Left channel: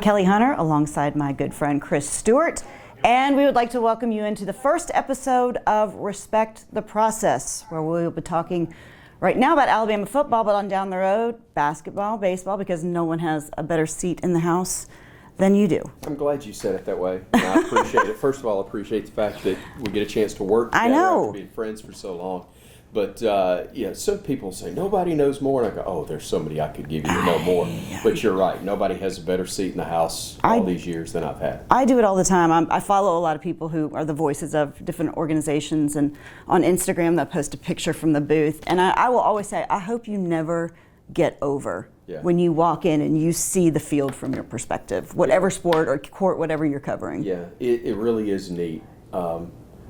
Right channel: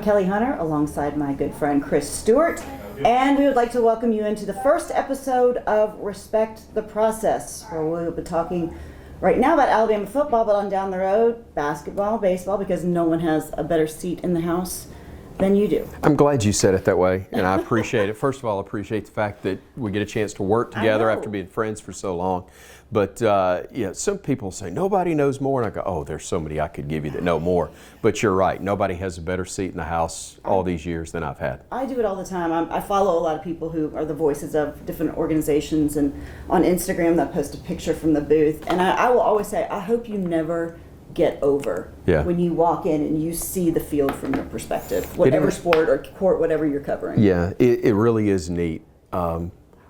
I'm Kelly Hunter, alongside my good friend Chris Stewart, and we would like to welcome you into the first episode of Respect the Process, where we'll be talking right now about Alabama football, but on down the road, basketball, baseball, because no one has a better seat in the house than you do. I'm glad you said it that way, and I appreciate it. First of all, I appreciate the fact that we get a chance to work together after being friends for so long. But yeah, some people say, nobody knows more, and I go, oh, there's somebody I could give you to know more. But you're right, nobody has a better seat in the house all these years than I've had. I do it all the time. I follow a lot of people who are the voices of different organizations, and on Instagram they'll post a picture from the booth, and I will always say, I hope you never get over when you walk in and you see the field from your perspective, whatever sport or court, whatever you're covering. Yeah, it really is neat. I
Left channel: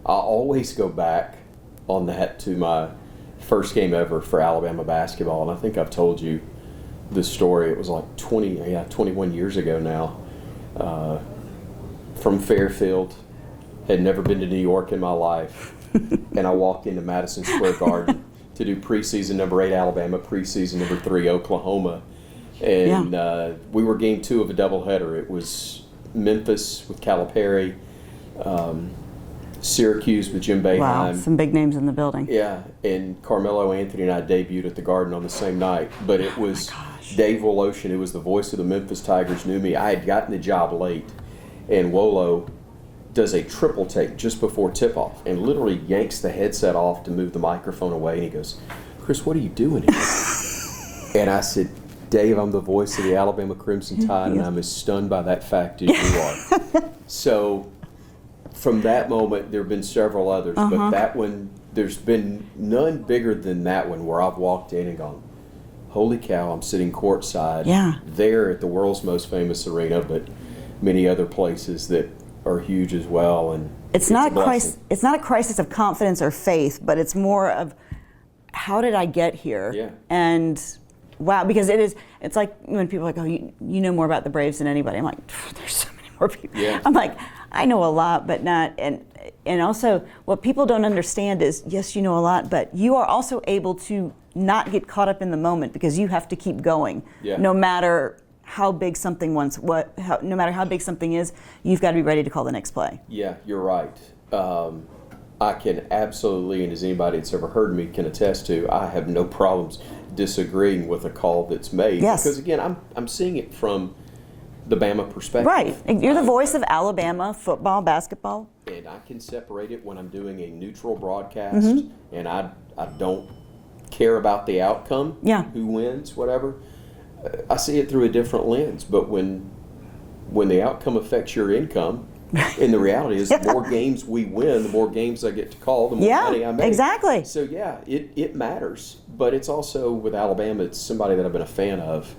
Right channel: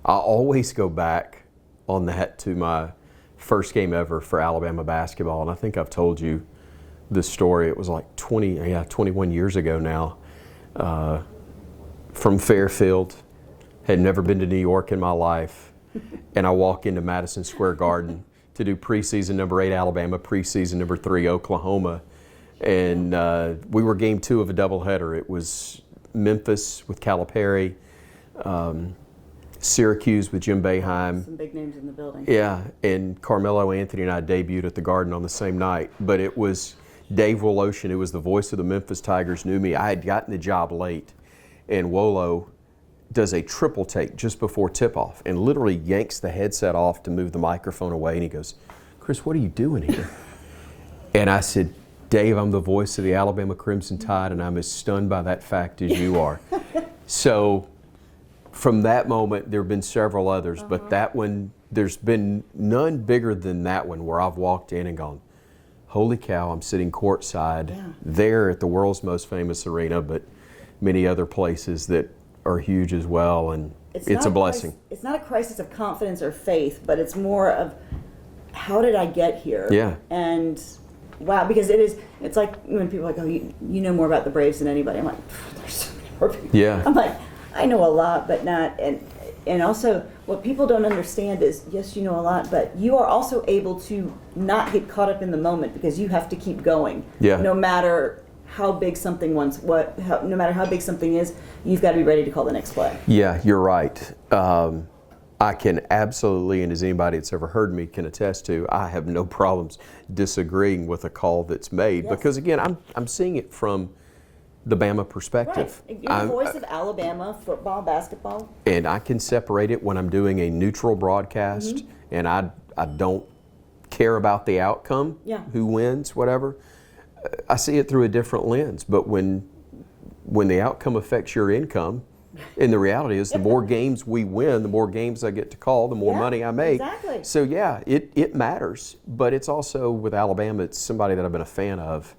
always go back on that to my first game ever for Alabama basketball, and I think I've told you this story. It was like 21 years ago now, from Fairfield. Had never been to New York in my life, and I walk into Madison Square Garden to do preseason number 8 Alabama, preseason number 3 Oklahoma, and we were game 2 of a doubleheader. It was Memphis with Calipari, Syracuse with Jim Boeheim. Wow, some big names in the building. Yeah, and Carmelo Anthony and I debuted at the Garden on the same night. But it was Dave Woloshin, who was the voice of the Memphis Tigers, knew me. I had gotten the job late, and Wolo does a triple take just before tip-off and literally yanks the headset off to move the microphone away, and he goes, Chris, what are you doing here? And I said, Dave, I'm the voice of the Alabama Crimson Tide, and I'm as stunned by that fact as you are. So from that moment, there have been several others, but that one, there's been none bigger than that one, where I've walked in and gone, holy cow, I'm sitting courtside there at the world's most famous arena, but many other places that are huge as well, and it's a blessing. It's not a crisis of confidence or faith, but it's more of, how did I get here? Yeah. And wow, because it's like when people are like, oh, you know more about the Braves than anybody. I'm like, there's so many more people. Yeah. I'm like, I know a lot, but not, and also what people don't understand is, yes, you know a lot, but you are also able to not get caught up in the moment, because you have to keep going. Yeah. No matter how big something no matter how big something is, you've got to be ready to call the next play. Yeah, you're right. I can absolutely, and as anybody that's ever heard me can attest to, I have no problems disagreeing with a call that's made. Yes. Because again, I'm seeing it from the Bama perspective. Right. You're the voice of Alabama football, basketball. And I can separate it when I'm doing a neutral broadcast, and I don't care about the outcome, who wins, whatever. I see it through a different lens. But when the outcome affects your income, and the reality is, the more games we win, the more games I get to call, the more money I make. Exactly. So yeah, it matters. But it's also, with Alabama, it's somebody that I've been a fan of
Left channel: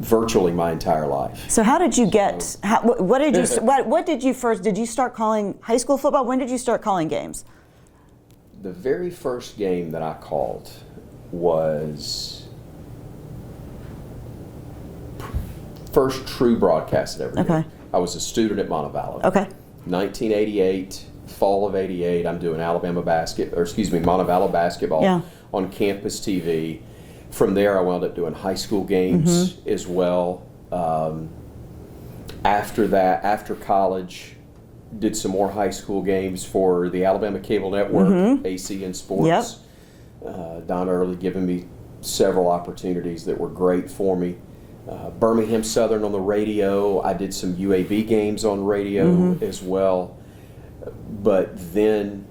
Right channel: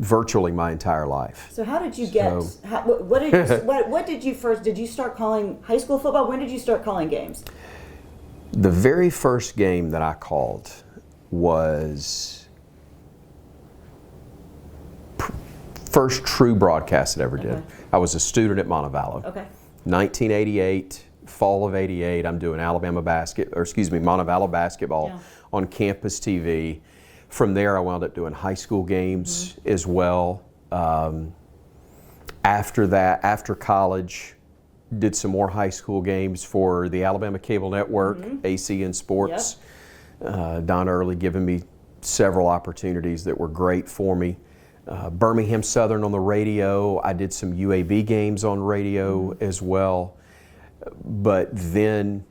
virtually my entire life. So how did you get? What did you first? Did you start calling high school football? When did you start calling games? The very first game that I called was first true broadcast that I ever did. I was a student at Montevallo. 1988, fall of '88. I'm doing Montevallo basketball on campus TV. From there, I wound up doing high school games as well. After that, after college, did some more high school games for the Alabama Cable Network, ACN Sports. Don Early giving me several opportunities that were great for me. Birmingham Southern on the radio. I did some UAB games on radio as well. But then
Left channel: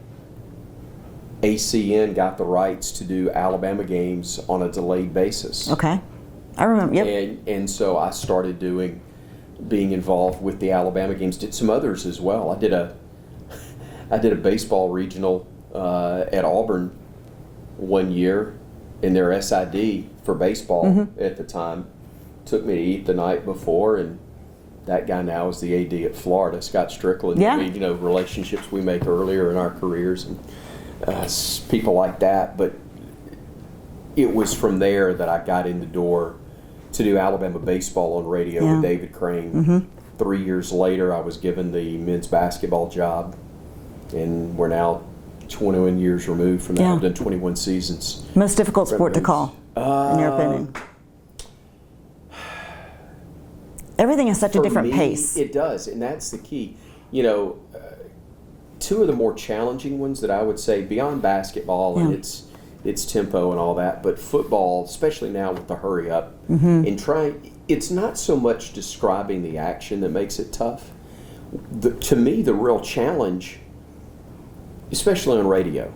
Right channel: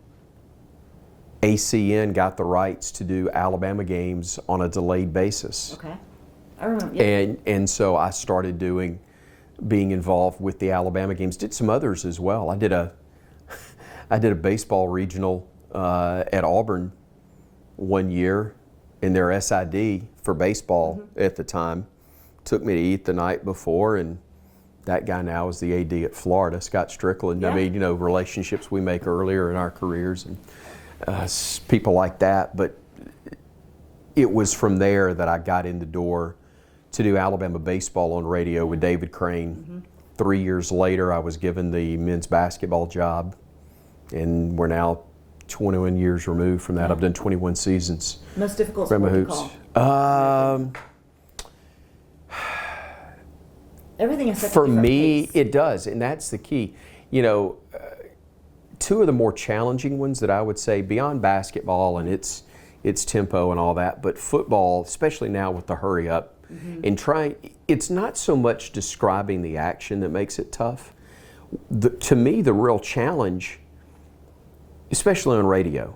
ACN got the rights to do Alabama games on a delayed basis. Okay, I remember. And so I started being involved with the Alabama games. Did some others as well. I did a baseball regional at Auburn one year in their SID for baseball at the time. Took me to eat the night before, and that guy now is the AD at Florida, Scott Strickland. I mean, relationships we make earlier in our careers, and people like that. But it was from there that I got in the door to do Alabama baseball on radio with David Crane. 3 years later, I was given the men's basketball job, and we're now 21 years removed from that. I've done 21 seasons. Most difficult sport to call, in your opinion? Everything is such a For different me, pace. it does, and that's the key. You know, two of the more challenging ones that I would say beyond basketball and its tempo and all that, but football, especially now with the hurry up and it's not so much describing the action that makes it tough. To me, the real challenge, especially on radio,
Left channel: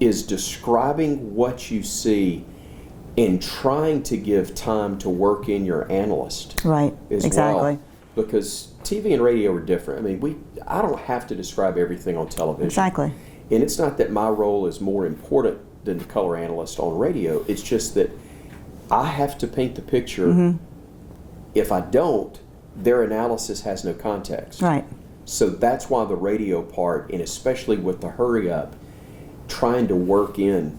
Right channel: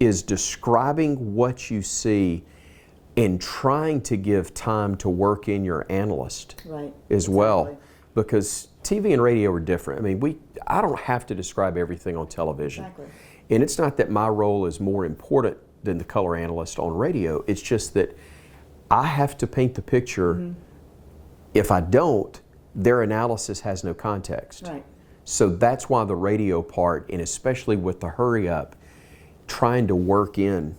is describing what you see and trying to give time to work in your analyst as well. Because TV and radio are different. I mean, I don't have to describe everything on television. Exactly. And it's not that my role is more important than the color analyst on radio. It's just that I have to paint the picture. If I don't, their analysis has no context. Right. So that's why the radio part, and especially with the hurry up, trying to work in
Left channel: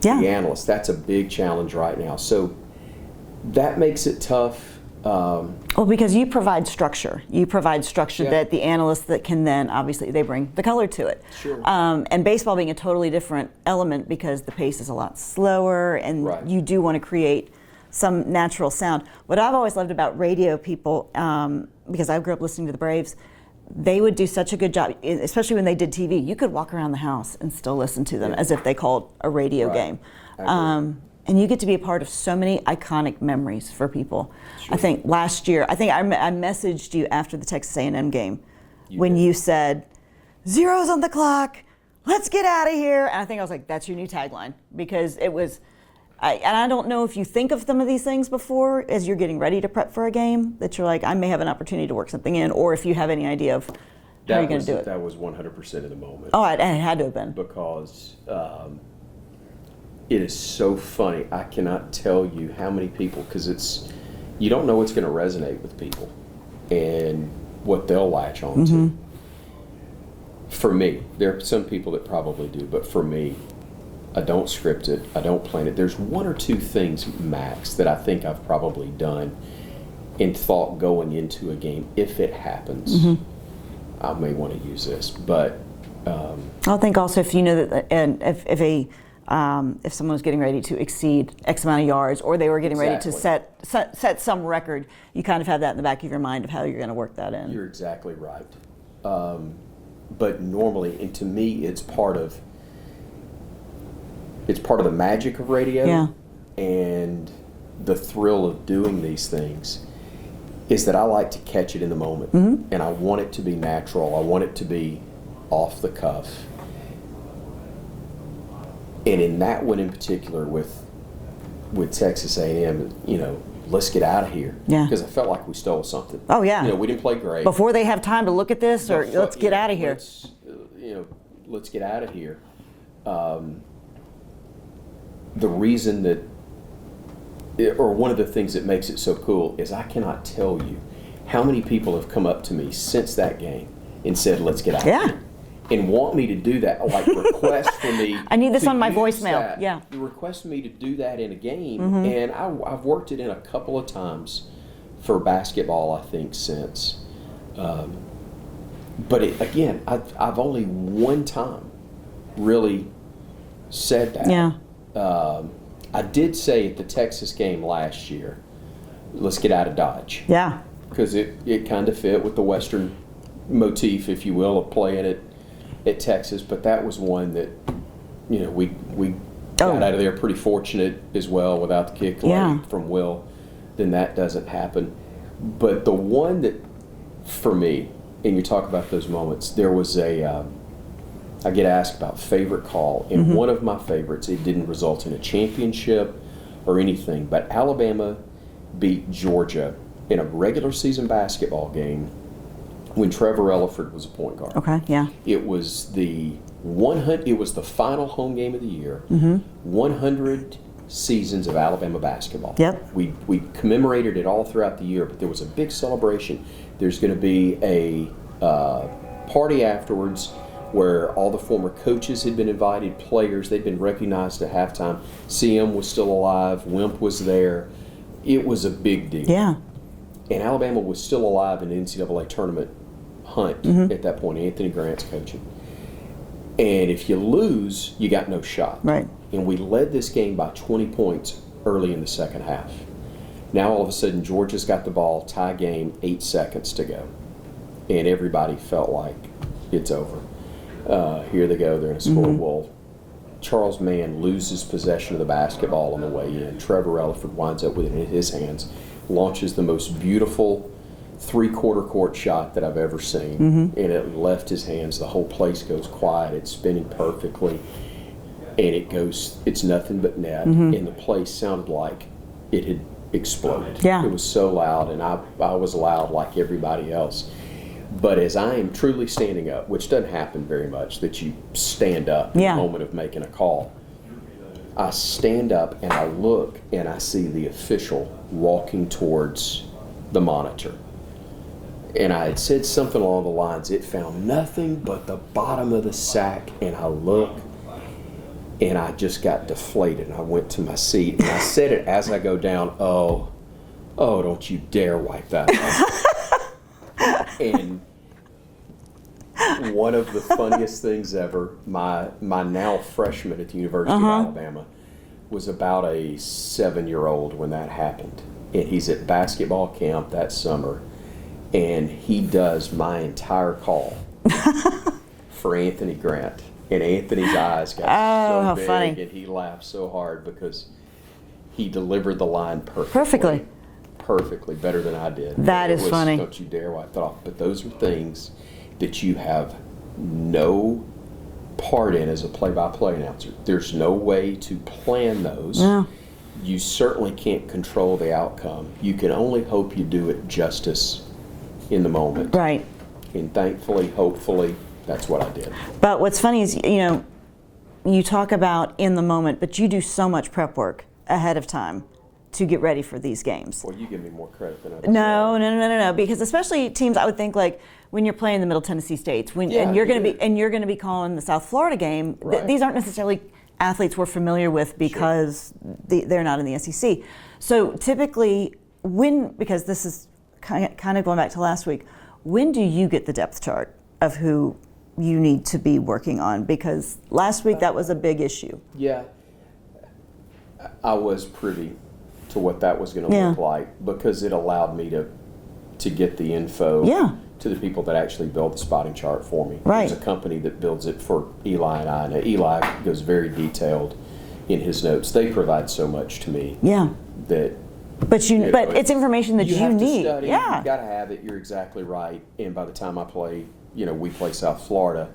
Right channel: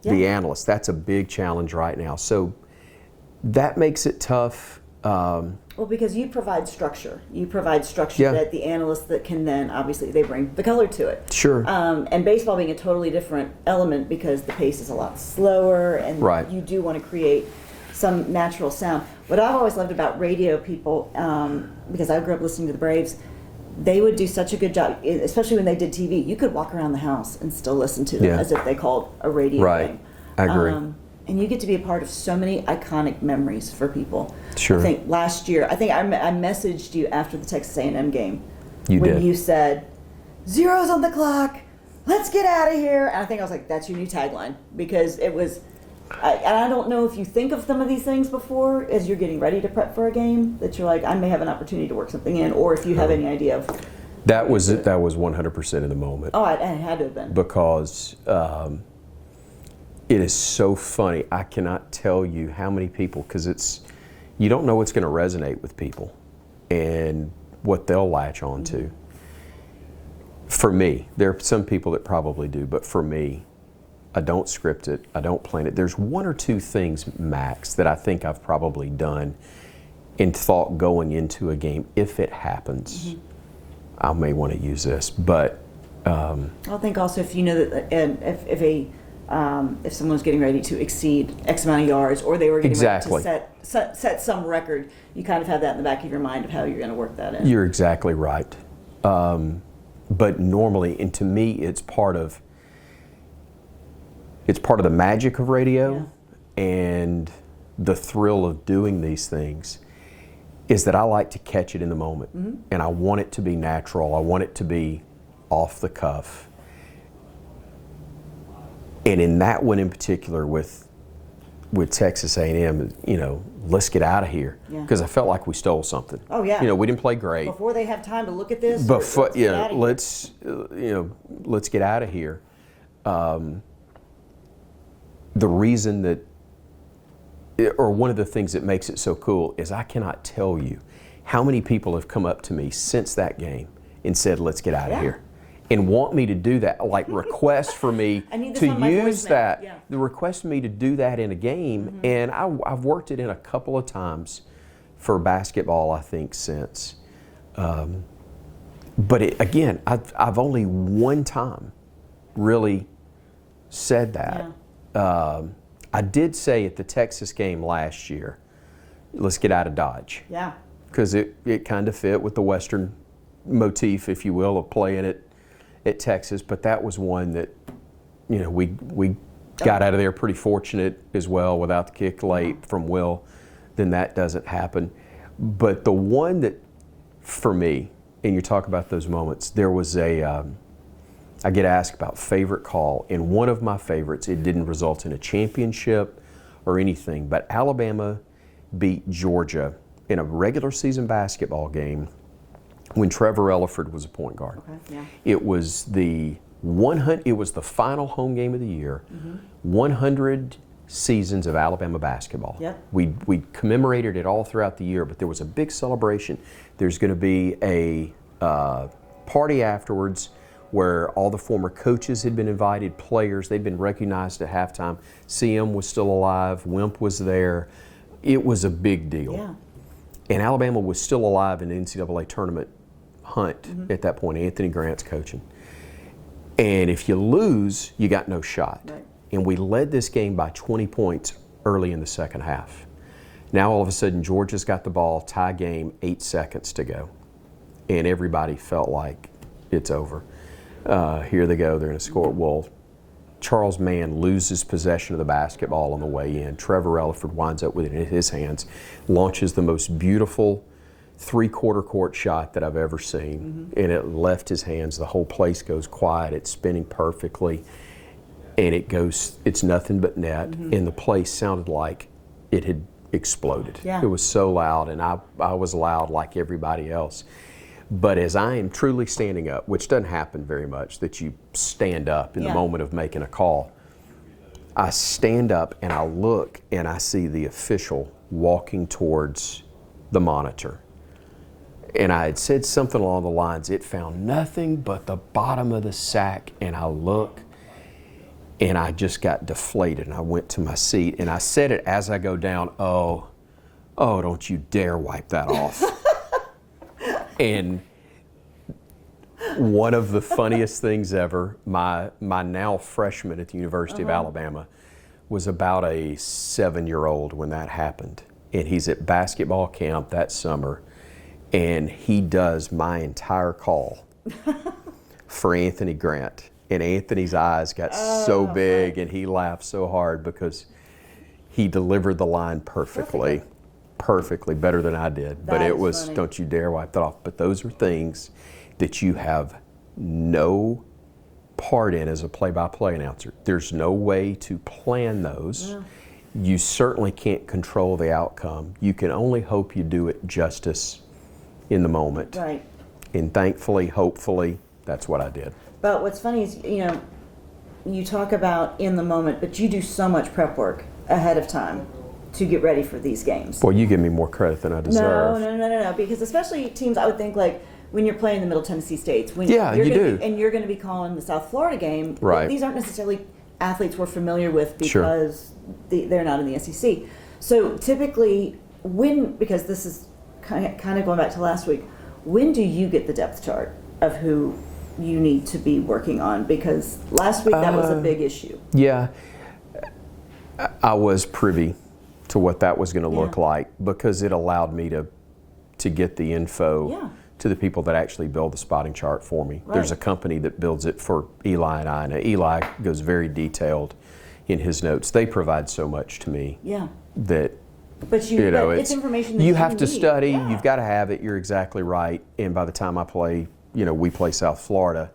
the analyst, that's a big challenge right now. So that makes it tough. Well, because you provide structure. You provide structure that the analysts that can then, obviously, they bring the color to it. Sure. And baseball being a totally different element because the pace is a lot slower and you do want to create some natural sound. What I've always loved about radio people, because I grew up listening to the Braves, they would do such a good job, especially when they did TV. You could walk around the house and still listen to them as if they called a radio game. I agree. And you get to be a part of so many iconic memories for people. Sure. I think last year, I messaged you after the Texas A&M game when did. you said, "Zeros on the clock, let's get out of here." And I think I was like, that's your new tagline, because it was, and I don't know if you think of some of these things before as you're getting ready to prep for a game, that you're like, I may have an opportunity to work something in, or if you have any idea of that was 100% in the moment. Oh, and it had to have been. Because it is so funny. I cannot tell you how many people, because you don't know what's going to resonate with people and what they'll latch on to. For me, there are some people that probably do, but for me, I don't script it, I don't plan it. There's one or two things max that I think I've probably done and thought going into a game, if it happens, I may want to use this, but I think also if you know that, and if someone was getting ready to exceed X amount of yards, or they were getting ready to set some record, you kind of have that in the back of your mind of how you're going to work that in. You're exactly right. But normally, and to me, it's part of the magic of radio and the thrill of doing these things is that I like to catch it in the moment, and I want it to be natural. I want it to be off the cuff. And in that one in particular, with Texas A&M, let's get out of here. Because I felt like we stole something. Oh yeah. We didn't play great. Before they have time to look at this, or let's get out of here. Let's get out of here. The reason that, or one of the things that makes it so cool is I cannot tell you how many people have come up to me since that game and said, "Let's get out of here," and want me to do that, like request for me. I need this to on my use voicemail. That, request me to do that in a game, and I've worked it in a couple of times for basketball, I think, since. But again, I've only one time really said that. I did say at the Texas game last year, let's get out of Dodge. Yeah. Because it kind of fit with the Western motif, if you will, of playing it at Texas. But that was one that, we got out of there pretty fortunate as well without the kick late from Will. Then that doesn't happen. But the one that, for me, and you talk about those moments, there was I get asked about favorite call, and one of my favorites, it didn't result in a championship or anything, but Alabama beat Georgia in a regular season basketball game when Trevor Elliford was a point guard. Okay, yeah. It was the final home game of the year, 100 seasons of Alabama basketball. Yep. We commemorated it all throughout the year, but there was a big celebration. There's going to be a party afterwards where all the former coaches had been invited, players, they'd been recognized at halftime. CM was still alive, Wimp was there. It was a big deal. Yeah. And Alabama was still alive in the NCAA tournament hunt at that point. Anthony Grant's coaching. And if you lose, you got no shot. Right. And we led this game by 20 points early in the second half. Now all of a sudden Georgia's got the ball, tie game, 8 seconds to go. And everybody felt like it's over. Here they go, they're going to score. Well, Charles Mann loses possession of the basketball on the way in. Trevor Elliford winds up with it in his hands, launches the most beautiful three-quarter court shot that I've ever seen. And it left his hands. The whole place goes quiet. It's spinning perfectly. And it's nothing but net. And the place sounded like it had exploded. Yeah. It was so loud, and I was loud like everybody else. But as I am truly standing up, which doesn't happen very much, that you stand up in the moment of making a call, I stand up and I look and I see the official walking towards the monitor. And I had said something along the lines, it found nothing but the bottom of the sack, and I look and I just got deflated, and I went to my seat and I said it as I go down, oh, don't you dare wipe that off. And one of the funniest things ever, my now freshman at the University of Alabama was about a 7-year-old when that happened. And he's at basketball camp that summer, and he does my entire call for Anthony Grant. And Anthony's eyes got so big, funny. and he laughed so hard because he delivered the line perfectly. Perfectly, better than I did. That is funny. Don't you dare wipe that off. But those are things that you have no part in as a play-by-play announcer. There's no way to plan those. No. You certainly can't control the outcome. You can only hope you do it justice in the moment. Right. And thankfully, hopefully, that's what I did. But what's funny is, you talk about in the moment, but you do so much prep work ahead of time to get ready for these games. Boy, you give me more credit than I deserve. No. Because especially teams, I would think, like when you're playing the Middle Tennessee States, and you're going to be calling the South Florida game. Right. These aren't necessarily athletes we're familiar with because they're not in the SEC. So typically, because this is kind of going back to last week, when do you get the depth chart of who you need to be working on? Because last week that was a big issue. Yeah, I was privy to what that was going to look like, because it allowed me to get the info to the people that actually build the spotting chart for me. Right. There's a company that builds it for Eli and I. Now, Eli goes very detailed in his notes. They provide so much to me that but it's information that you have to need. study. Yeah. You've got to have it. You're exactly right. And by the time I play, we play South Florida,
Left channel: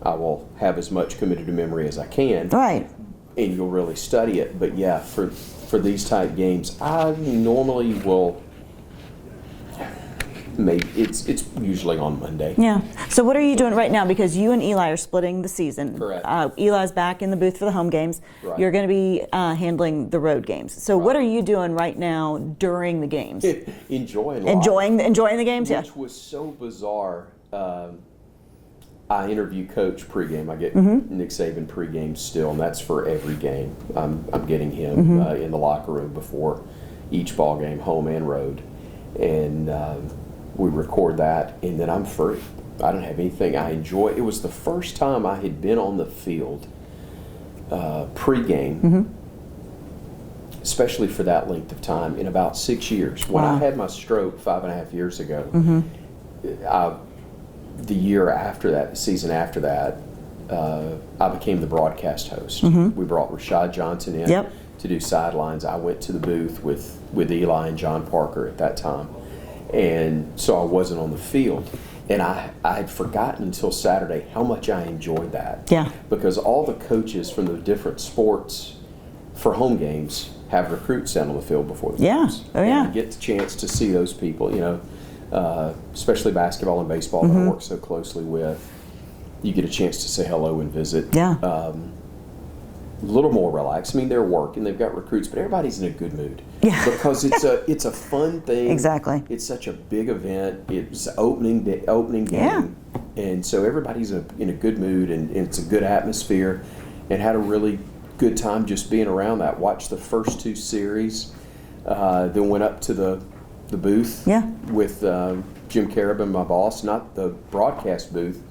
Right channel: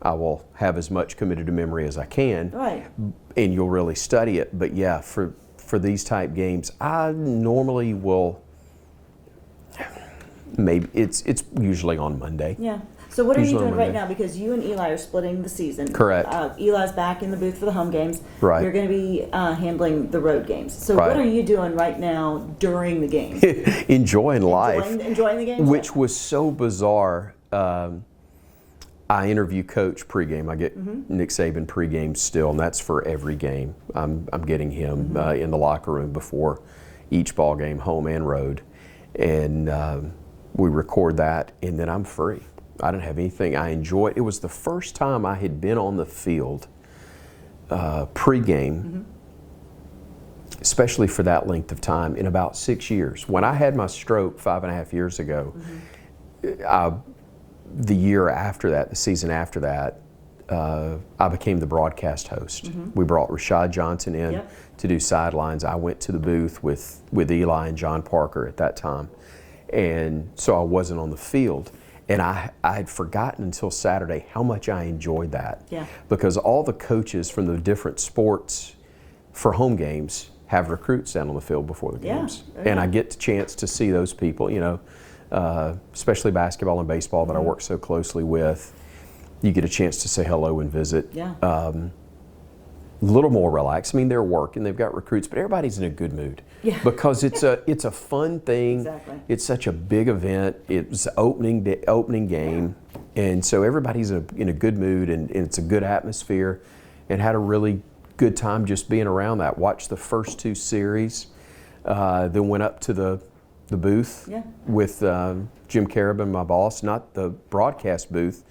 I will have as much committed to memory as I can. Right. And you'll really study it. But yeah, for these type games, I normally will. Maybe it's usually on Monday. Yeah. So what are you doing right now? Because you and Eli are splitting the season. Correct. Eli's back in the booth for the home games. Right. You're going to be handling the road games. So what are you doing right now during the games? Enjoying life. Enjoying the games. Which was so bizarre. I interview coach pregame. I get Nick Saban pregame still, and that's for every game. I'm getting him in the locker room before each ball game, home and road, and we record that, and then I'm free. I don't have anything. I enjoy. It was the first time I had been on the field pregame, especially for that length of time, in about 6 years. When I had my stroke 5.5 years ago, the year after that, the season after that, I became the broadcast host. We brought Rashad Johnson in to do sidelines. I went to the booth with Eli and John Parker at that time. And so I wasn't on the field. And I had forgotten until Saturday how much I enjoyed that. Yeah. Because all the coaches from the different sports for home games have recruits down on the field before the games. Oh, yeah. And I get the chance to see those people, especially basketball and baseball that I work so closely with. You get a chance to say hello and visit. Yeah. A little more relaxed. I mean, they're working, they've got recruits, but everybody's in a good mood. Yeah. Because it's a fun thing. Exactly. It's such a big event. It's opening game, and so everybody's in a good mood, and it's a good atmosphere, and had a really good time just being around that. Watched the first 2 series, then went up to the booth with Jim Carabin, my boss, not the broadcast booth,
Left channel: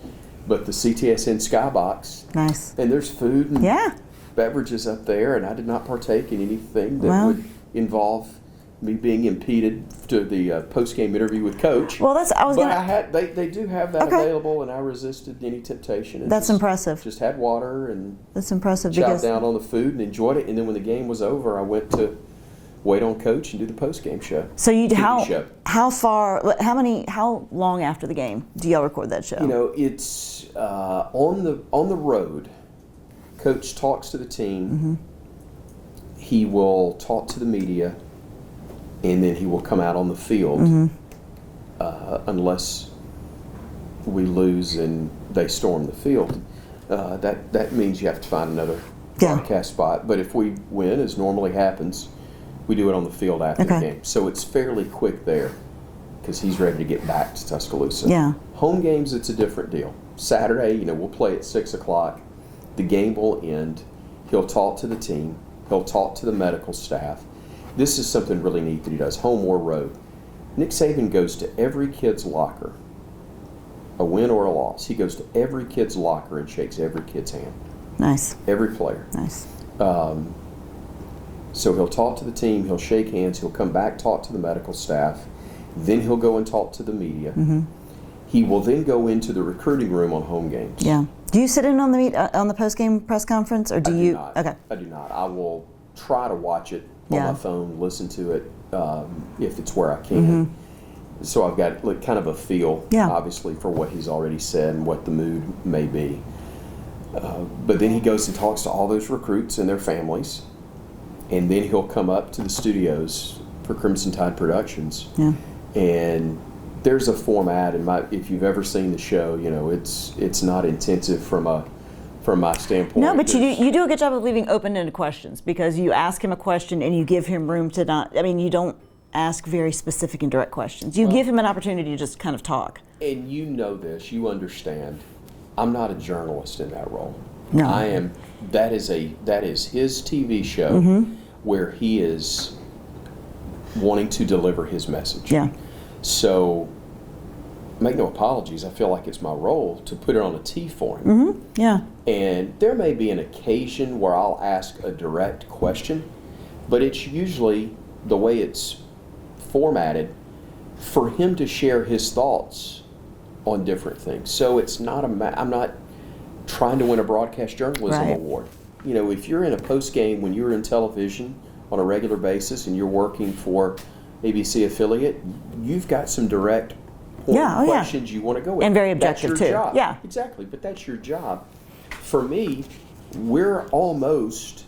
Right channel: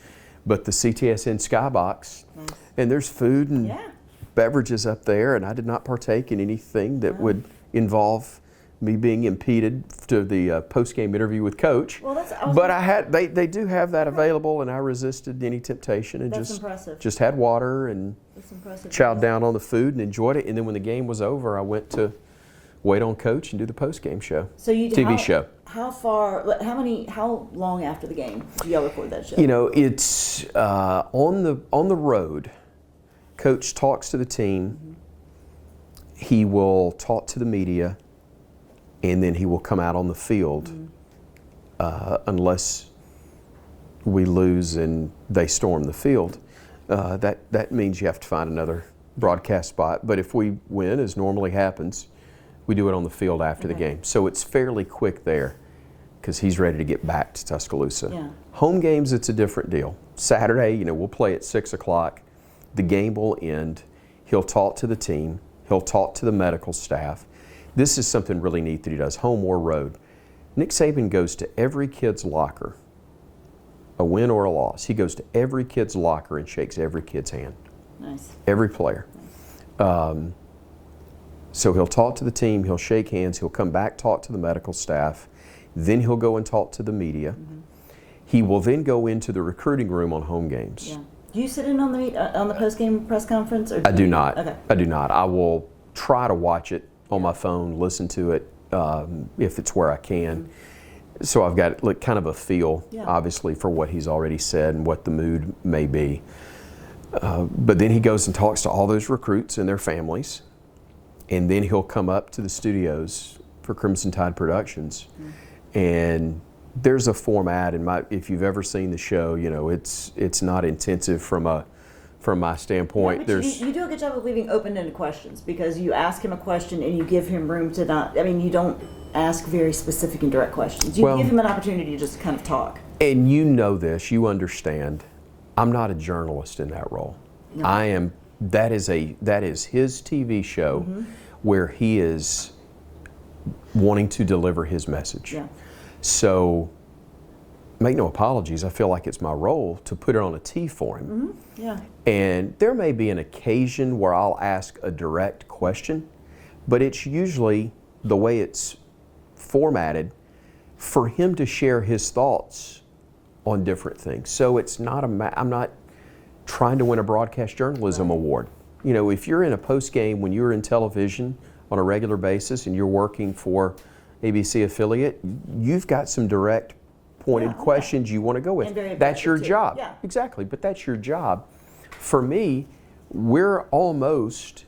but the CTSN Skybox. Nice. And there's food and beverages up there, and I did not partake in anything that would involve me being impeded to the post-game interview with Coach. Well, they do have that available, and I resisted any temptation. And that's impressive. Just had water and that's impressive. Chowed down on the food and enjoyed it. And then when the game was over, I went to wait on Coach and do the post-game show. So TV show. How long after the game do y'all record that show? You know, it's on the road. Coach talks to the team. Mm-hmm. He will talk to the media, and then he will come out on the field, unless we lose and they storm the field. That means you have to find another broadcast spot. But if we win, as normally happens, we do it on the field after the game. So it's fairly quick there because he's ready to get back to Tuscaloosa. Yeah. Home games, it's a different deal. Saturday, you know, we'll play at 6 o'clock. The game will end. He'll talk to the team. He'll talk to the medical staff. This is something really neat that he does, home or road. Nick Saban goes to every kid's locker, a win or a loss. He goes to every kid's locker and shakes every kid's hand. Nice. Every player. Nice. So he'll talk to the team, he'll shake hands, he'll come back, talk to the medical staff, then he'll go and talk to the media. Mm-hmm. He will then go into the recruiting room on home games. Yeah. Do you sit in on the post-game press conference, or I do you? not. Okay. I do not. I will try to watch it on Yeah. my phone, listen to it if it's where I can. So I've got like kind of a feel, obviously, for what he's already said and what the mood may be. But then he goes and talks to all those recruits and their families, and then he'll come up to the studios for Crimson Tide Productions. Yeah. And there's a format, and if you've ever seen the show, you know it's not intensive from my standpoint. No, but you do a good job of leaving open-ended questions, because you ask him a question and you give him room to not. I mean, you don't ask very specific and direct questions. You give him an opportunity to just kind of talk. And you know this, you understand. I'm not a journalist in that role. No. I am. That is his TV show where he is wanting to deliver his message. Yeah. So, make no apologies, I feel like it's my role to put it on a tee for him. Mm-hmm. Yeah. And there may be an occasion where I'll ask a direct question, but it's usually the way it's formatted for him to share his thoughts on different things. So it's not I'm not trying to win a broadcast journalism award. You know, if you're in a post game when you're in television on a regular basis and you're working for ABC affiliate, you've got some direct pointed questions you want to go with. And very objective, that's your job. Yeah. Exactly, but that's your job. For me, we're almost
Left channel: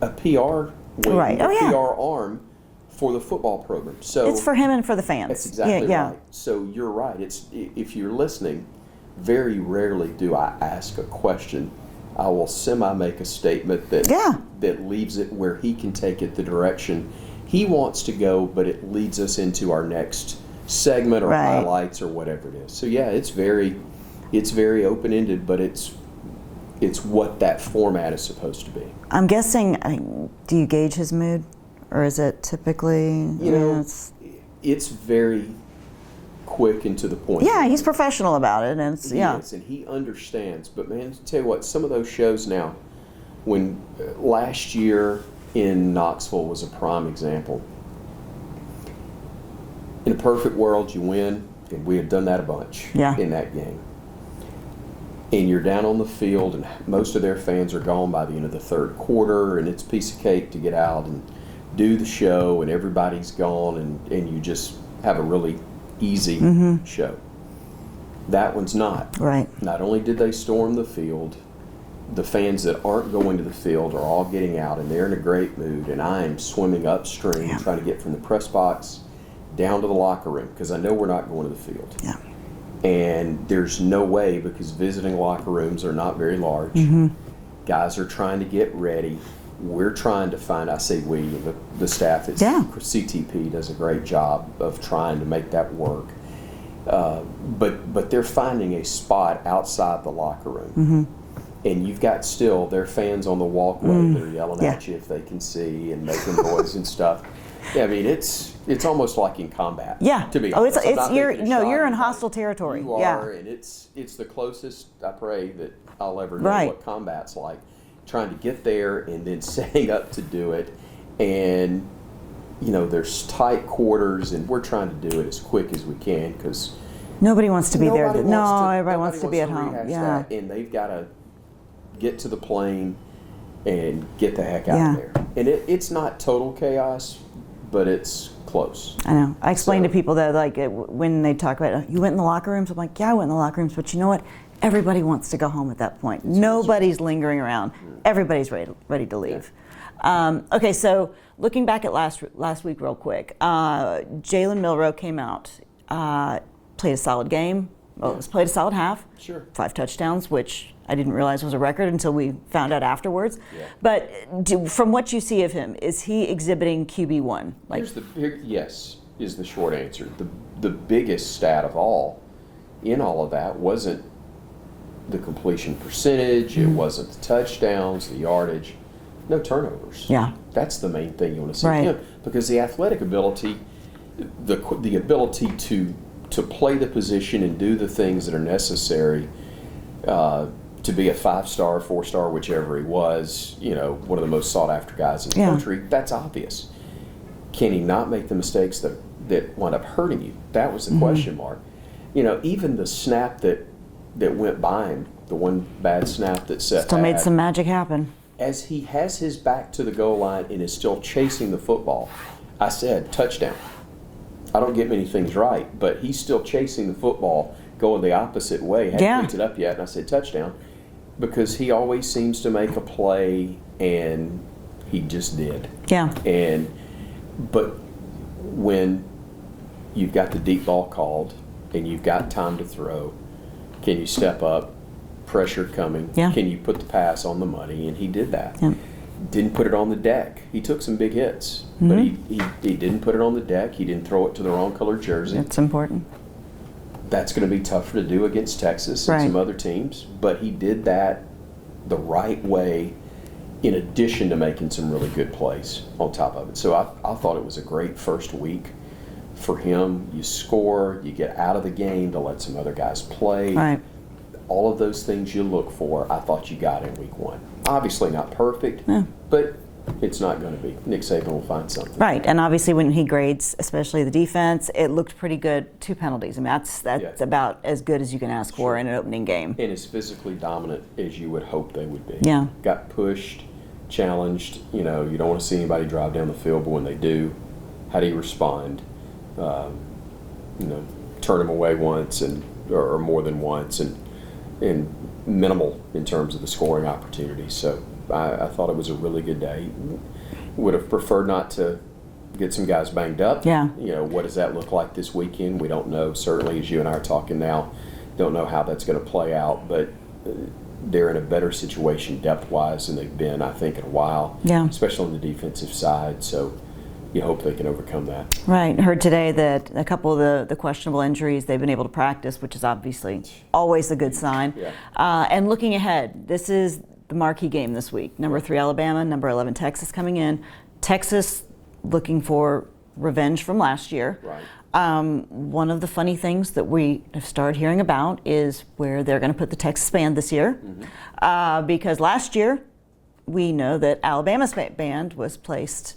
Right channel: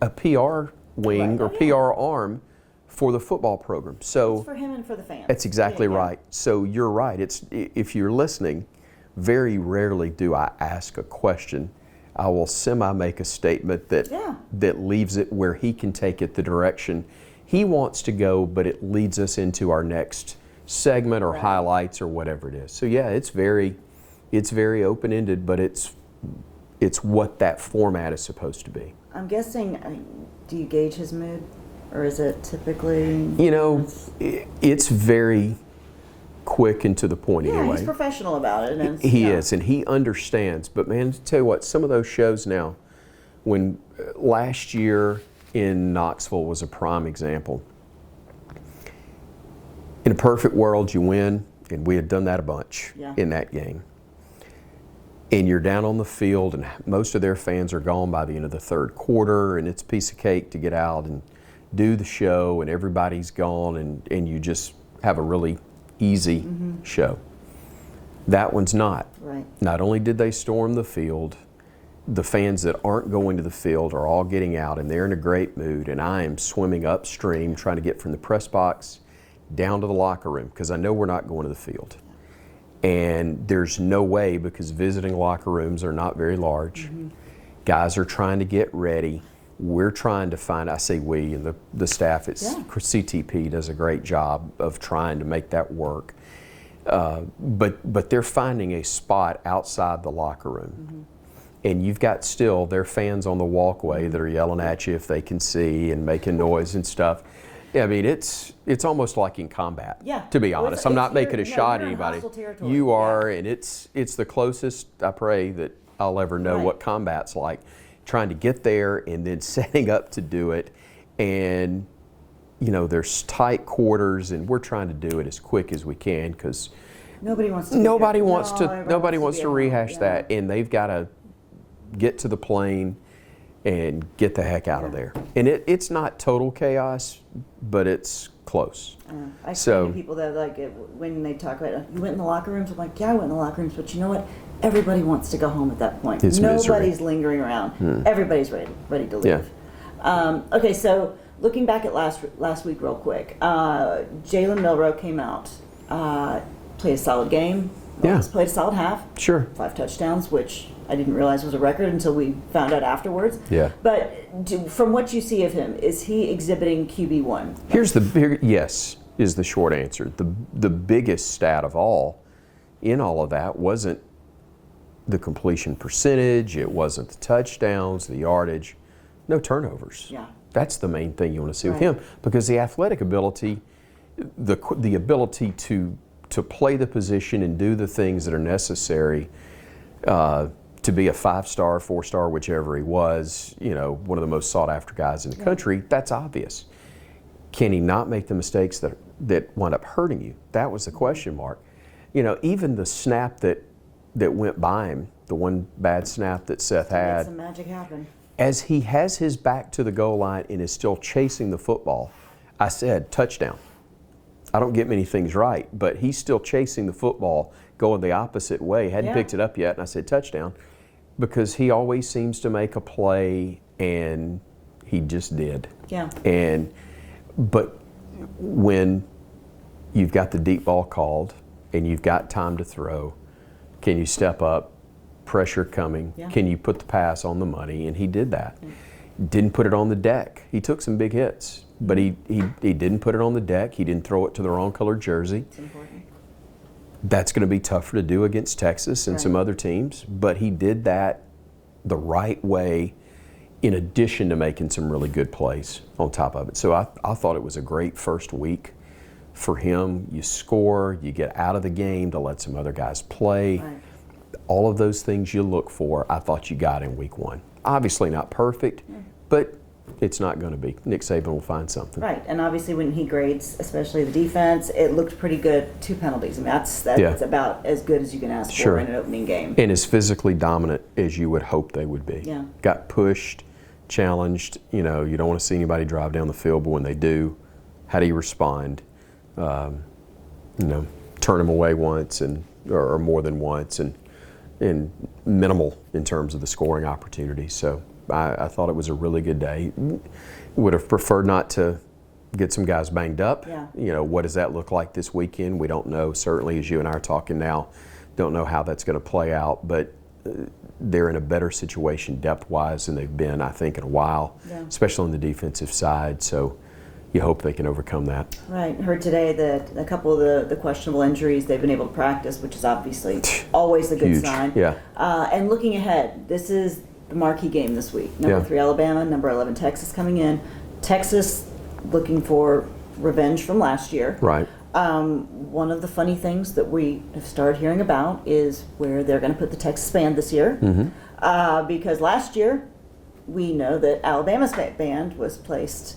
a PR wing or PR arm for the football program. So it's for him and for the fans. That's exactly right. So you're right. It's, if you're listening, very rarely do I ask a question. I will make a statement that leaves it where he can take it the direction he wants to go, but it leads us into our next segment or highlights or whatever it is. So yeah, it's very open-ended, but it's what that format is supposed to be. I'm guessing, do you gauge his mood, or is it typically? You know, it's very quick and to the point. Yeah, anyway. he's professional about it. And he is, and he understands. But man, to tell you what, some of those shows now, when last year in Knoxville was a prime example. In a perfect world, you win, and we had done that a bunch in that game. And you're down on the field, and most of their fans are gone by the end of the third quarter, and it's a piece of cake to get out and do the show, and everybody's gone, and you just have a really easy show. That one's not. Right. Not only did they storm the field, the fans that aren't going to the field are all getting out, and they're in a great mood, and I am swimming upstream trying to get from the press box down to the locker room, because I know we're not going to the field. Yeah. And there's no way, because visiting locker rooms are not very large. Guys are trying to get ready. We're trying to find, I say we, and the staff at CTP does a great job of trying to make that work. But they're finding a spot outside the locker room. And you've got still their fans on the walkway that are yelling at you if they can see and making noise and stuff. Yeah, I mean, it's almost like in combat. Yeah. To be honest, I'm not making a shot at you're in anybody. hostile territory. You are, and it's the closest, I pray, that I'll ever know what combat's like. Trying to get there and then setting up to do it, and there's tight quarters, and we're trying to do it as quick as we can because nobody wants to be nobody there. Nobody wants be to at rehash home. that, and they've got to get to the plane and get the heck out of there. And it's not total chaos, but it's close. I know. I explain to So- people that when they talk about you went in the locker rooms, I'm like, yeah, I went in the locker rooms, but you know what? Everybody wants to go home at that point. It's Nobody's misery. lingering around. Everybody's ready to leave. Yeah. Okay, so looking back at last week real quick, Jalen Milroe came out, played a solid game. Yeah. Played a solid half. Sure. 5 touchdowns, which I didn't realize was a record until we found out afterwards. Yeah. But from what you see of him, is he exhibiting QB1? Yes is the short answer. The biggest stat of all in all of that wasn't the completion percentage, it wasn't the touchdowns, the yardage, no turnovers. Yeah. That's the main thing you want to see Right. with him, because the athletic ability, the ability to play the position and do the things that are necessary to be a 5-star, 4-star, whichever he was, one of the most sought after guys in the country, that's obvious. Can he not make the mistakes that wind up hurting you? That was the question mark. Even the snap that went by him, the one bad snap that Seth Still had, made some magic happen. as he has his back to the goal line and is still chasing the football, I said, touchdown. I don't get many things right, but he's still chasing the football, going the opposite way. Hadn't picked it up yet, and I said, touchdown. Because he always seems to make a play, and he just did. Yeah. But when you've got the deep ball called and you've got time to throw, can you step up? Pressure coming. Yeah. Can you put the pass on the money? And he did that. Yeah. Didn't put it on the deck. He took some big hits, but he didn't put it on the deck. He didn't throw it to the wrong colored jersey. That's important. That's going to be tougher to do against Texas and Right. some other teams, but he did that the right way in addition to making some really good plays on top of it. So I thought it was a great first week for him. You score, you get out of the game to let some other guys play. Right. All of those things you look for, I thought you got in week 1. Obviously not perfect, but it's not going to be. Nick Saban will find something. Right, and obviously when he grades, especially the defense, it looked pretty good. 2 penalties. I mean, that's about as good as you can ask for in an opening game. And as physically dominant as you would hope they would be. Yeah. Got pushed, challenged. You don't want to see anybody drive down the field, but when they do, how do you respond? Turn them away once or more than once, and minimal in terms of the scoring opportunity. So I thought it was a really good day. Would have preferred not to get some guys banged up. Yeah. What does that look like this weekend? We don't know. Certainly, as you and I are talking now, don't know how that's going to play out. But they're in a better situation depth-wise than they've been, I think, in a while. Yeah. Especially on the defensive side. So you hope they can overcome that. Right. Heard today that a couple of the questionable injuries, they've been able to practice, which is obviously always a good Huge. sign. Yeah. And looking ahead, this is the marquee game this week. Number 3 Alabama, number 11 Texas coming in. Texas looking for revenge from last year. Right. One of the funny things that we have started hearing about is where they're going to put the Texas band this year. Because last year, we know that Alabama's band was placed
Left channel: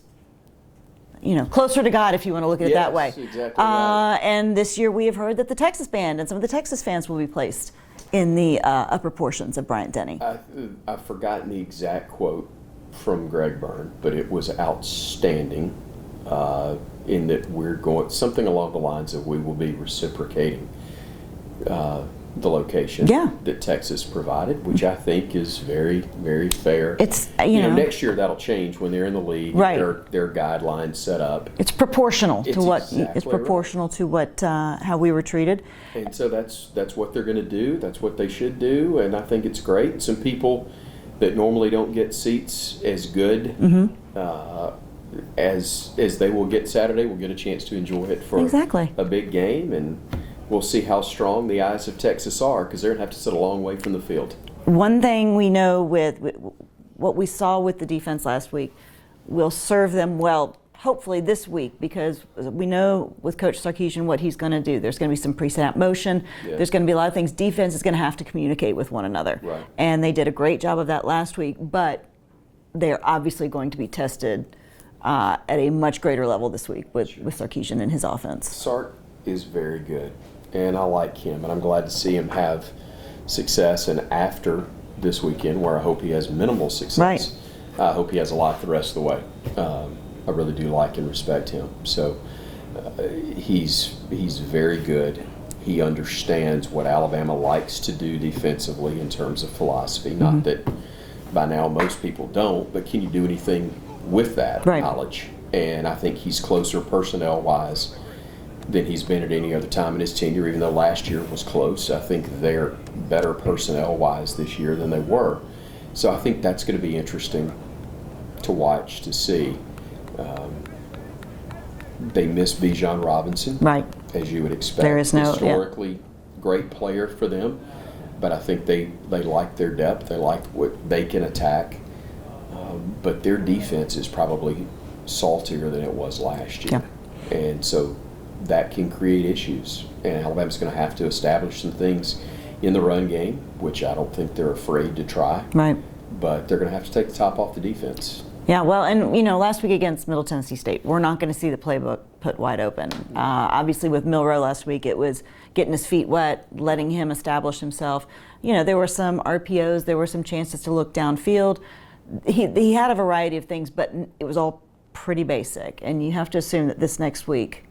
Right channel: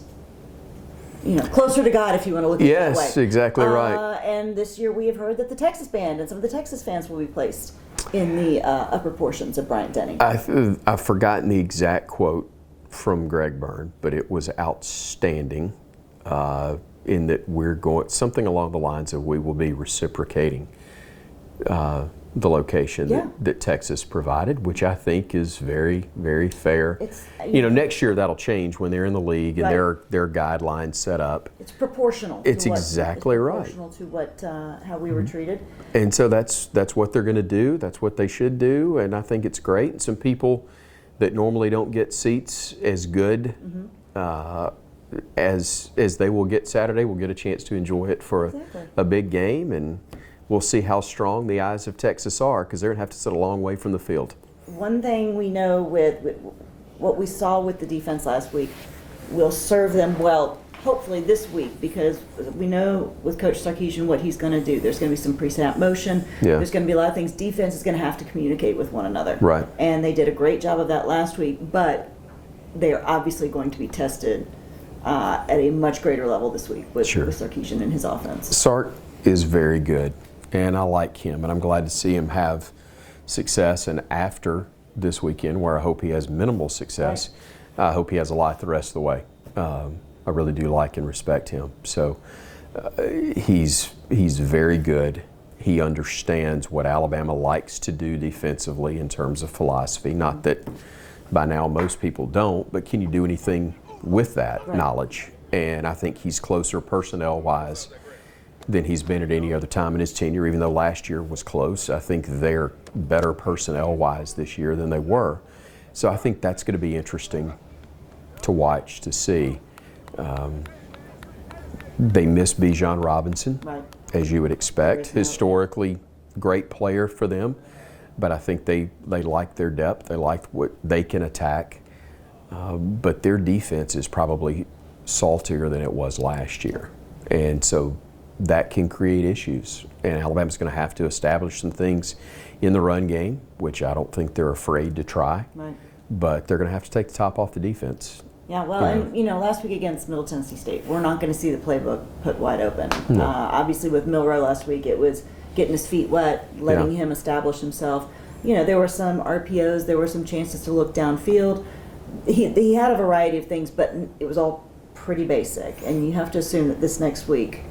closer to God, if you want to look at it that way. Yes, exactly right. And this year we have heard that the Texas band and some of the Texas fans will be placed in the upper portions of Bryant-Denny. I've forgotten the exact quote from Greg Byrne, but it was outstanding in that we're going something along the lines of we will be reciprocating the location that Texas provided, which I think is very, very fair. It's next year that'll change when they're in the league and their guidelines set up. It's proportional to what how we were treated. And so that's what they're going to do. That's what they should do, and I think it's great. Some people that normally don't get seats as good as they will get Saturday will get a chance to enjoy it for a big game, and we'll see how strong the eyes of Texas are, because they're going to have to sit a long way from the field. One thing we know with what we saw with the defense last week will serve them well, hopefully this week, because we know with Coach Sarkisian what he's going to do. There's going to be some pre-snap motion. Yeah. There's going to be a lot of things. Defense is going to have to communicate with one another. Right. And they did a great job of that last week, but they're obviously going to be tested at a much greater level this week with Sarkisian and his offense. Sark is very good, and I like him, and I'm glad to see him have success. And after this weekend, where I hope he has minimal success, I hope he has a lot the rest of the way. I really do like and respect him. So he's very good. He understands what Alabama likes to do defensively in terms of philosophy. Not that by now most people don't, but can you do anything with that knowledge? And I think he's closer personnel-wise than he's been at any other time in his tenure, even though last year was close. I think they're better personnel-wise this year than they were. So I think that's going to be interesting to watch, to see. They miss Bijan Robinson, as you would expect. Historically, great player for them, but I think they like their depth. They like what they can attack. But their defense is probably saltier than it was last year. And so that can create issues. And Alabama's going to have to establish some things in the run game, which I don't think they're afraid to try. But they're going to have to take the top off the defense. Yeah, well, and last week against Middle Tennessee State, we're not going to see the playbook put wide open. Obviously, with Milroe last week, it was getting his feet wet, letting him establish himself. There were some RPOs, there were some chances to look downfield. He had a variety of things, but it was all pretty basic. And you have to assume that this next week,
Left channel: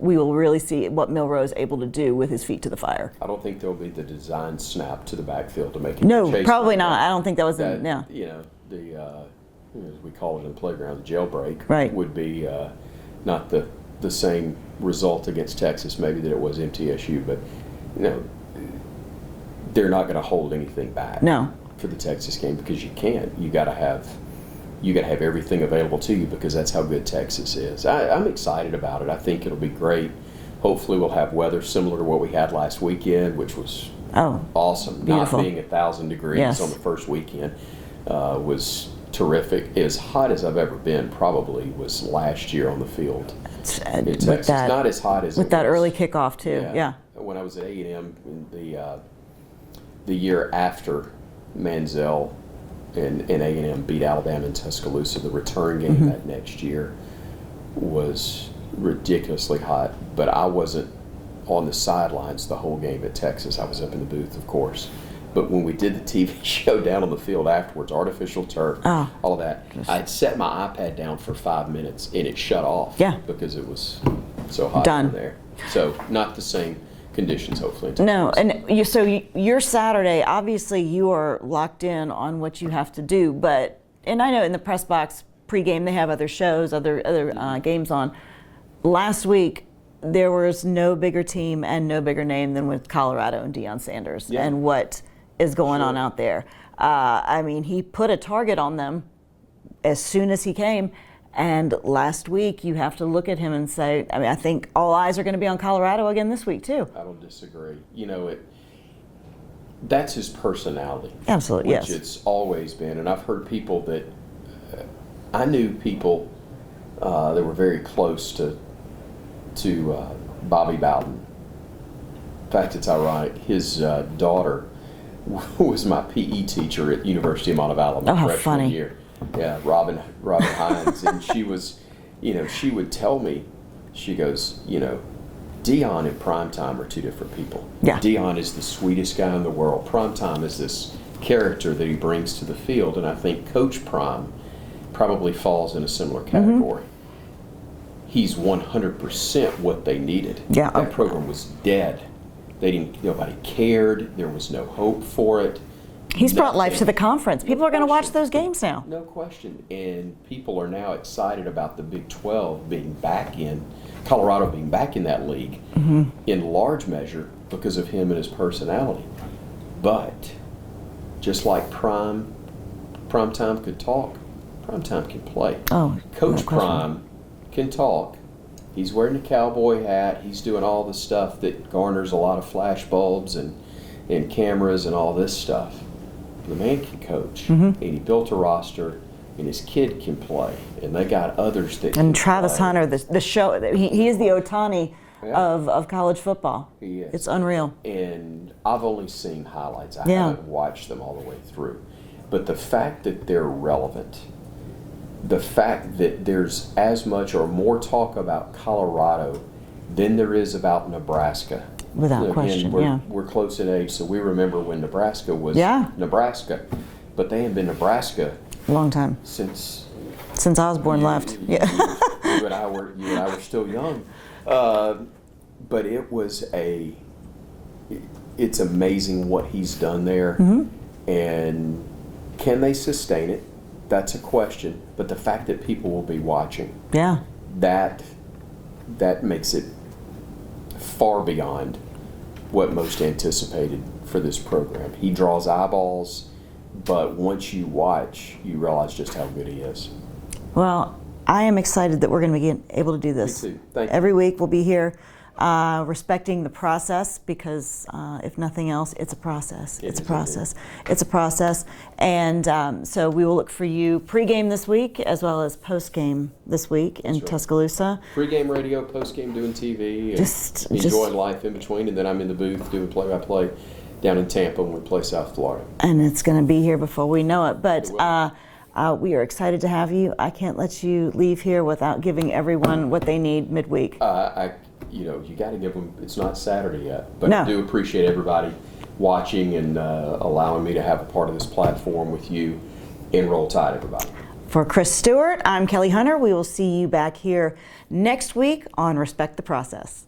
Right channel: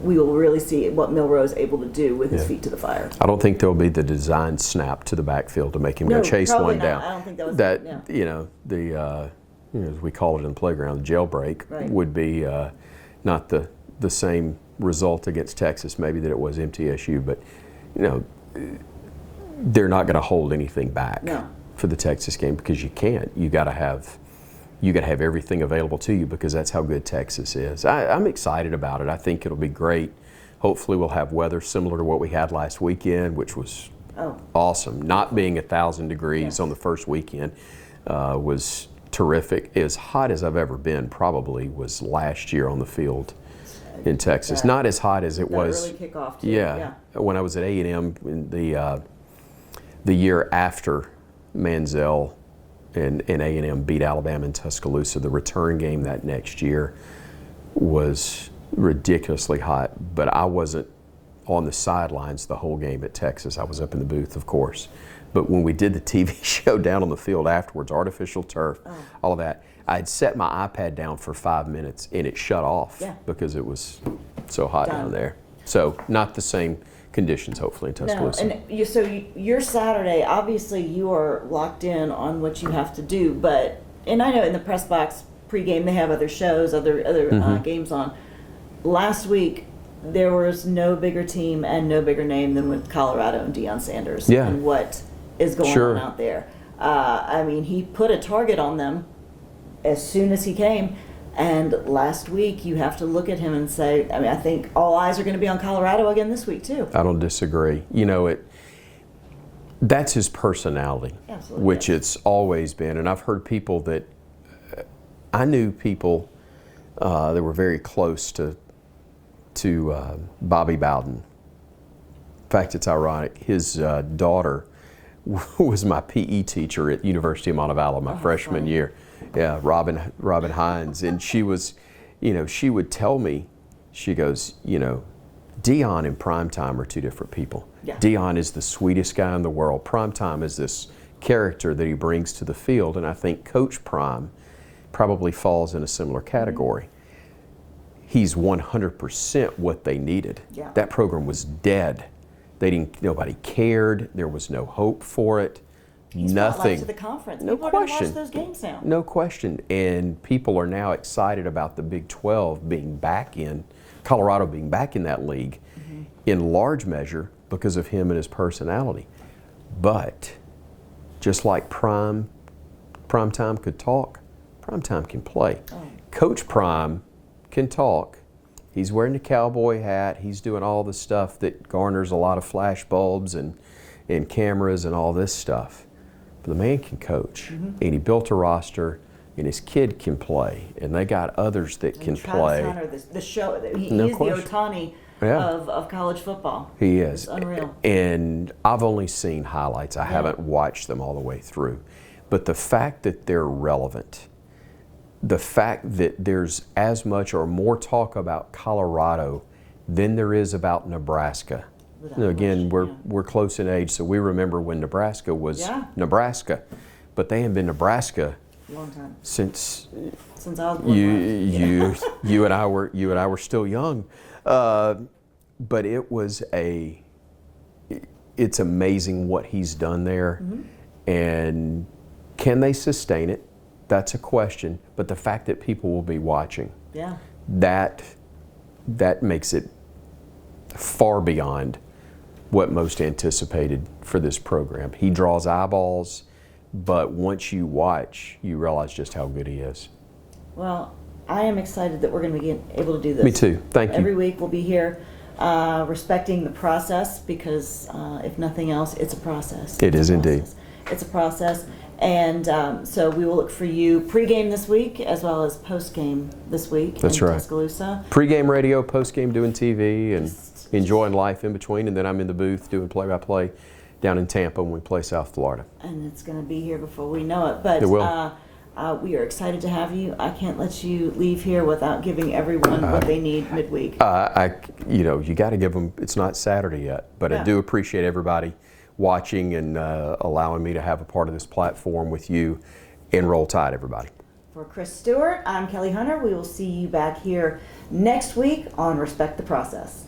we will really see what Milroe is able to do with his feet to the fire. I don't think there'll be the design snap to the backfield to make him go chase. No, probably not. I don't think that was as we call it in the playground, the jailbreak would be not the same result against Texas maybe that it was MTSU, but they're not going to hold anything back for the Texas game, because you can't. You got to have everything available to you, because that's how good Texas is. I'm excited about it. I think it'll be great. Hopefully we'll have weather similar to what we had last weekend, which was awesome. Beautiful. Not being 1,000 degrees on the first weekend was terrific. As hot as I've ever been probably was last year on the field in Texas. Not as hot as it was. With that early kickoff too. Yeah. When I was at A&M in the year after Manziel and A&M beat Alabama in Tuscaloosa, the return game that next year was ridiculously hot, but I wasn't on the sidelines the whole game at Texas. I was up in the booth, of course. But when we did the TV show down on the field afterwards, artificial turf, all of that, I'd set my iPad down for 5 minutes and it shut off because it was so hot in there. So not the same conditions, hopefully. No, and so your Saturday, obviously you are locked in on what you have to do, and I know in the press box pregame they have other shows, other games on. Last week, there was no bigger team and no bigger name than with Colorado and Deion Sanders and what is going on out there. He put a target on them as soon as he came. And last week, you have to look at him and say, I think all eyes are going to be on Colorado again this week, too. I don't disagree. That's his personality. Absolutely, which it's always been. And I've heard people that, I knew people that were very close to Bobby Bowden. In fact, it's ironic. His daughter was my PE teacher at University of Montevallo freshman year. Yeah, Robin Hines, and she was, she would tell me, she goes, Deion and Primetime are two different people. Yeah. Deion is the sweetest guy in the world. Primetime is this character that he brings to the field, and I think Coach Prime probably falls in a similar category. He's 100% what they needed. Yeah. That program was dead. Nobody cared. There was no hope for it. He's brought life to the conference. People are going to watch those games now. No question. And people are now excited about the Big 12 being back in, Colorado being back in that league, in large measure because of him and his personality. But just like Primetime could talk, Primetime can play. Coach Prime can talk. He's wearing the cowboy hat. He's doing all the stuff that garners a lot of flash bulbs and cameras and all this stuff. The man can coach, and he built a roster, and his kid can play, and they got others that can play. And Travis Hunter, the show, he is the Ohtani of college football. He is. It's unreal. And I've only seen highlights. I haven't watched them all the way through. But the fact that they're relevant the fact that there's as much or more talk about Colorado than there is about Nebraska. Without Again, question, we're close in age, so we remember when Nebraska was Nebraska, but they have been Nebraska long time since Osborne left. You and I were still young, but it's amazing what he's done there, and can they sustain it? That's a question. But the fact that people will be watching, that makes it far beyond what most anticipated for this program. He draws eyeballs, but once you watch, you realize just how good he is. Well, I am excited that we're going to be able to do this. Me too. Thank you. Every week we'll be here respecting the process because, if nothing else, it's a process. It is indeed. It's a process. And so we will look for you pregame this week as well as postgame this week in Tuscaloosa. Pregame radio, postgame doing TV, and enjoying life in between. And then I'm in the booth doing play-by-play down in Tampa when we play South Florida. And it's going to be here before we know it. But it will. We are excited to have you. I can't let you leave here without giving everyone what they need midweek. You got to give them. It's not Saturday yet, but I do appreciate everybody watching and allowing me to have a part of this platform with you. And Roll Tide, everybody. For Chris Stewart, I'm Kelly Hunter. We will see you back here next week on Respect the Process.